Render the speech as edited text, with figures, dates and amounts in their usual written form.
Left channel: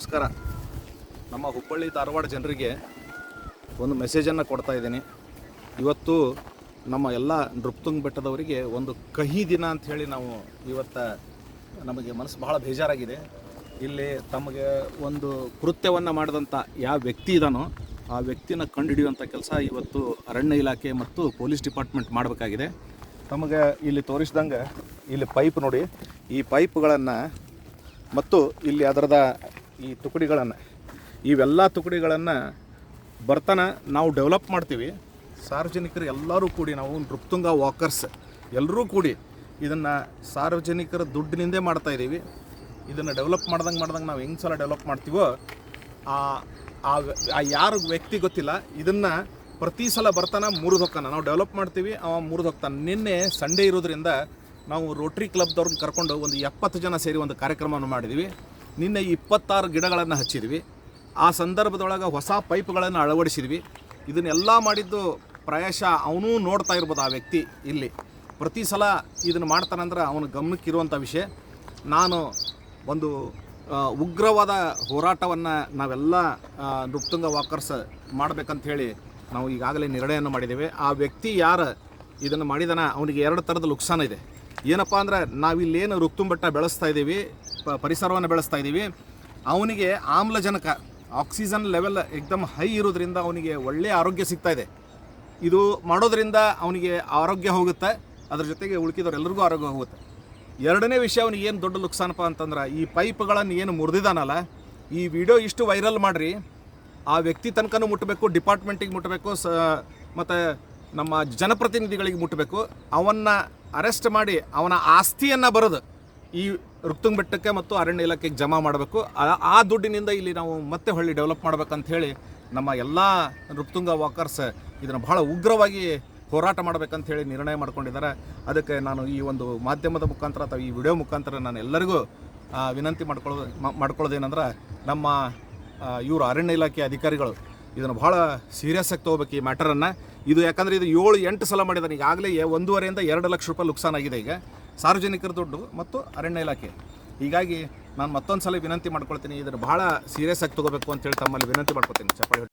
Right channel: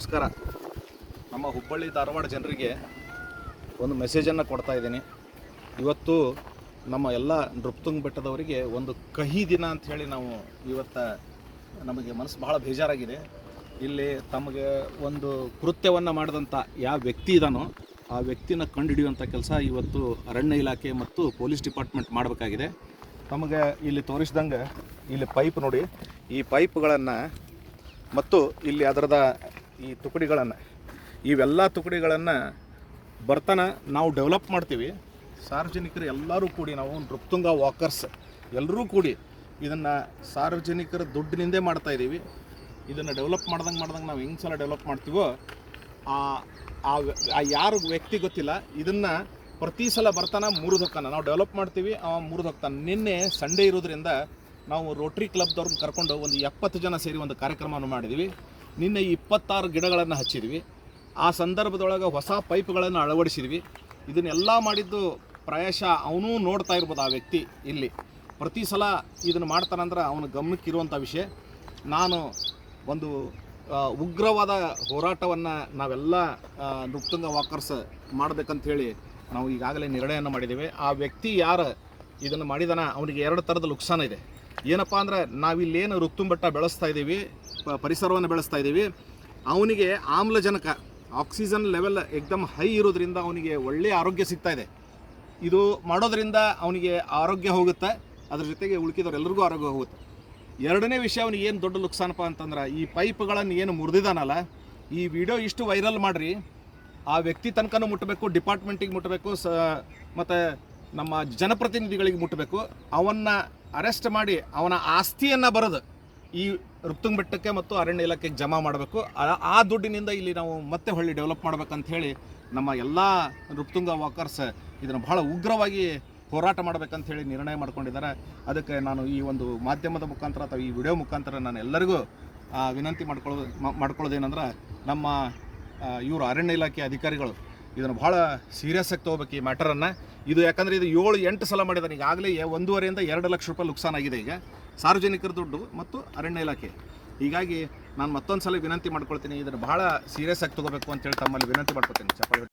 ನಮಸ್ಕಾರ. ನಮ್ಮ ಹುಬ್ಬಳ್ಳಿ ಧಾರವಾಡ ಜನರಿಗೆ ಒಂದು ಮೆಸೇಜನ್ನು ಕೊಡ್ತಾ ಇದ್ದೀನಿ. ಇವತ್ತು ನಮ್ಮ ಎಲ್ಲ ನೃಪತುಂಗ ಬೆಟ್ಟದವರಿಗೆ ಒಂದು ಕಹಿ ದಿನ ಅಂಥೇಳಿ ನಾವು ಇವತ್ತು ನಮಗೆ ಮನಸ್ಸು ಭಾಳ ಬೇಜಾರಾಗಿದೆ. ಇಲ್ಲಿ ತಮಗೆ ಒಂದು ಕೃತ್ಯವನ್ನು ಮಾಡಿದಂಥ ಯಾವ ವ್ಯಕ್ತಿ ಇದ್ದಾನೋ ಆ ವ್ಯಕ್ತಿನ ಕಂಡುಹಿಡಿಯುವಂಥ ಕೆಲಸ ಇವತ್ತು ಅರಣ್ಯ ಇಲಾಖೆ ಮತ್ತು ಪೊಲೀಸ್ ಡಿಪಾರ್ಟ್ಮೆಂಟ್ ಮಾಡಬೇಕಾಗಿದೆ. ತಮಗೆ ಇಲ್ಲಿ ತೋರಿಸಿದಂಗೆ ಇಲ್ಲಿ ಪೈಪ್ ನೋಡಿ, ಈ ಪೈಪ್ಗಳನ್ನು ಮತ್ತು ಇಲ್ಲಿ ಅದರದ ಈ ತುಕಡಿಗಳನ್ನು, ಇವೆಲ್ಲ ತುಕಡಿಗಳನ್ನು ಬರ್ತಾನೆ ನಾವು ಡೆವಲಪ್ ಮಾಡ್ತೀವಿ. ಸಾರ್ವಜನಿಕರು ಎಲ್ಲರೂ ಕೂಡಿ, ನಾವು ನೃಪತುಂಗ ವಾಕರ್ಸ್ ಎಲ್ಲರೂ ಕೂಡಿ ಇದನ್ನು ಸಾರ್ವಜನಿಕರ ದುಡ್ಡಿನಿಂದೇ ಮಾಡ್ತಾಯಿದ್ದೀವಿ. ಇದನ್ನು ಡೆವಲಪ್ ಮಾಡ್ದಂಗೆ ನಾವು ಹೆಂಗೆ ಸಲ ಡೆವಲಪ್ ಮಾಡ್ತೀವೋ ಆ ಯಾರು ವ್ಯಕ್ತಿ ಗೊತ್ತಿಲ್ಲ, ಇದನ್ನು ಪ್ರತಿ ಸಲ ಬರ್ತಾನೆ ಮುರಿದೊಕ್ಕಾನ. ನಾವು ಡೆವಲಪ್ ಮಾಡ್ತೀವಿ, ಅವ ಮುರಿದೊಕ್ತಾನೆ. ನಿನ್ನೆ ಸಂಡೇ ಇರೋದ್ರಿಂದ ನಾವು ರೋಟ್ರಿ ಕ್ಲಬ್ದವ್ರನ್ನ ಕರ್ಕೊಂಡು ಒಂದು 70 ಜನ ಸೇರಿ ಒಂದು ಕಾರ್ಯಕ್ರಮವನ್ನು ಮಾಡಿದ್ವಿ. ನಿನ್ನೆ 26 ಗಿಡಗಳನ್ನು ಹಚ್ಚಿದ್ವಿ. ಆ ಸಂದರ್ಭದೊಳಗೆ ಹೊಸ ಪೈಪ್ಗಳನ್ನು ಅಳವಡಿಸಿದ್ವಿ. ಇದನ್ನೆಲ್ಲ ಮಾಡಿದ್ದು ಪ್ರಾಯಶಃ ಅವನೂ ನೋಡ್ತಾ ಇರ್ಬೋದು. ಆ ವ್ಯಕ್ತಿ ಇಲ್ಲಿ ಪ್ರತಿ ಸಲ ಇದನ್ನು ಮಾಡ್ತಾನಂದ್ರೆ ಅವನ ಗಮನಕ್ಕಿರುವಂಥ ವಿಷಯ. ನಾನು ಒಂದು ಉಗ್ರವಾದ ಹೋರಾಟವನ್ನು ನಾವೆಲ್ಲ ನೃಪತುಂಗ ವಾಕರ್ಸ್ ಮಾಡಬೇಕಂಥೇಳಿ ನಾವು ಈಗಾಗಲೇ ನಿರ್ಣಯವನ್ನು ಮಾಡಿದ್ದೇವೆ. ಆ ವ್ಯಕ್ತಿ ಯಾರು ಇದನ್ನು ಮಾಡಿದಾನ ಅವನಿಗೆ 2 ಥರದ ನುಕ್ಸಾನ ಇದೆ. ಏನಪ್ಪ ಅಂದ್ರೆ, ನಾವಿಲ್ಲೇನು ನೃಪತುಂಗ ಬೆಟ್ಟ ಬೆಳೆಸ್ತಾ ಇದ್ದೀವಿ, ಪರಿಸರವನ್ನು ಬೆಳೆಸ್ತಾ ಇದ್ದೀವಿ, ಅವನಿಗೆ ಆಮ್ಲಜನಕ ಆಕ್ಸಿಜನ್ ಲೆವೆಲ್ ಏಕ್ದಮ್ ಹೈ ಇರೋದ್ರಿಂದ ಅವನಿಗೆ ಒಳ್ಳೆಯ ಆರೋಗ್ಯ ಸಿಗ್ತಾ ಇದೆ. ಇದು ಮಾಡೋದ್ರಿಂದ ಅವನಿಗೆ ಆರೋಗ್ಯ ಹೋಗುತ್ತೆ, ಅದ್ರ ಜೊತೆಗೆ ಉಳ್ಕಿದವರೆಲ್ಲರಿಗೂ ಆರೋಗ್ಯ ಹೋಗುತ್ತೆ. ಎರಡನೇ ವಿಷಯ, ಅವನಿಗೆ ಏನು ದೊಡ್ಡ ನುಕ್ಸಾನಪ್ಪ ಅಂತಂದ್ರೆ, ಈ ಪೈಪ್ಗಳನ್ನು ಏನು ಮುರಿದಿದ್ದಾನಲ್ಲ, ಈ ವಿಡಿಯೋ ಇಷ್ಟು ವೈರಲ್ ಮಾಡಿರಿ, ಆ ವ್ಯಕ್ತಿ ತನಕನೂ ಮುಟ್ಟಬೇಕು, ಡಿಪಾರ್ಟ್ಮೆಂಟಿಗೆ ಮುಟ್ಟಬೇಕು, ಮತ್ತು ನಮ್ಮ ಜನಪ್ರತಿನಿಧಿಗಳಿಗೆ ಮುಟ್ಟಬೇಕು. ಅವನ್ನು ಅರೆಸ್ಟ್ ಮಾಡಿ ಅವನ ಆಸ್ತಿಯನ್ನು ಬರೋದು ಈ ನೃಪತುಂಗ ಬೆಟ್ಟಕ್ಕೆ ಮತ್ತು ಅರಣ್ಯ ಇಲಾಖೆಗೆ ಜಮಾ ಮಾಡಬೇಕು. ಆ ದುಡ್ಡಿನಿಂದ ಇಲ್ಲಿ ನಾವು ಮತ್ತೆ ಹೊಳ್ಳಿ ಡೆವಲಪ್ ಮಾಡ್ಬೇಕಂತ ಹೇಳಿ ನಮ್ಮ ಎಲ್ಲ ನೃಪತುಂಗ ವಾಕರ್ಸ್ ಇದನ್ನು ಭಾಳ ಉಗ್ರವಾಗಿ ಹೋರಾಟ ಮಾಡಬೇಕಂತ ಹೇಳಿ ನಿರ್ಣಯ ಮಾಡ್ಕೊಂಡಿದ್ದಾರೆ. ಅದಕ್ಕೆ ನಾನು ಈ ಒಂದು ಮಾಧ್ಯಮದ ಮುಖಾಂತರ ಅಥವಾ ಈ ವಿಡಿಯೋ ಮುಖಾಂತರ ನಾನು ಎಲ್ಲರಿಗೂ ವಿನಂತಿ ಮಾಡ್ಕೊಳ್ಳೋದೇನೆಂದ್ರೆ, ನಮ್ಮ ಇವರು ಅರಣ್ಯ ಇಲಾಖೆ ಅಧಿಕಾರಿಗಳು ಇದನ್ನು ಭಾಳ ಸೀರಿಯಸ್ ಆಗಿ ತೊಗೋಬೇಕು ಈ ಮ್ಯಾಟರನ್ನು. ಇದು ಯಾಕಂದರೆ ಇದು 7-8 ಸಲ ಮಾಡಿದ್ದಾನೆ. ಈಗಾಗಲೇ 1.5 ರಿಂದ 2 ಲಕ್ಷ ರೂಪಾಯಿ ನುಕ್ಸಾನ್ ಆಗಿದೆ ಈಗ ಸಾರ್ವಜನಿಕರ ದುಡ್ಡು ಮತ್ತು ಅರಣ್ಯ ಇಲಾಖೆ. ಹೀಗಾಗಿ ನಾನು ಮತ್ತೊಂದು ಸಲ ವಿನಂತಿ ಮಾಡ್ಕೊಳ್ತೀನಿ, ಇದನ್ನು ಭಾಳ ಸೀರಿಯಸ್ ಆಗಿ ತೊಗೋಬೇಕು ಅಂತೇಳಿ ತಮ್ಮಲ್ಲಿ ವಿನಂತಿ ಮಾಡ್ಕೊಳ್ತೀನಿ. ಚಪ್ಪಾಳೆ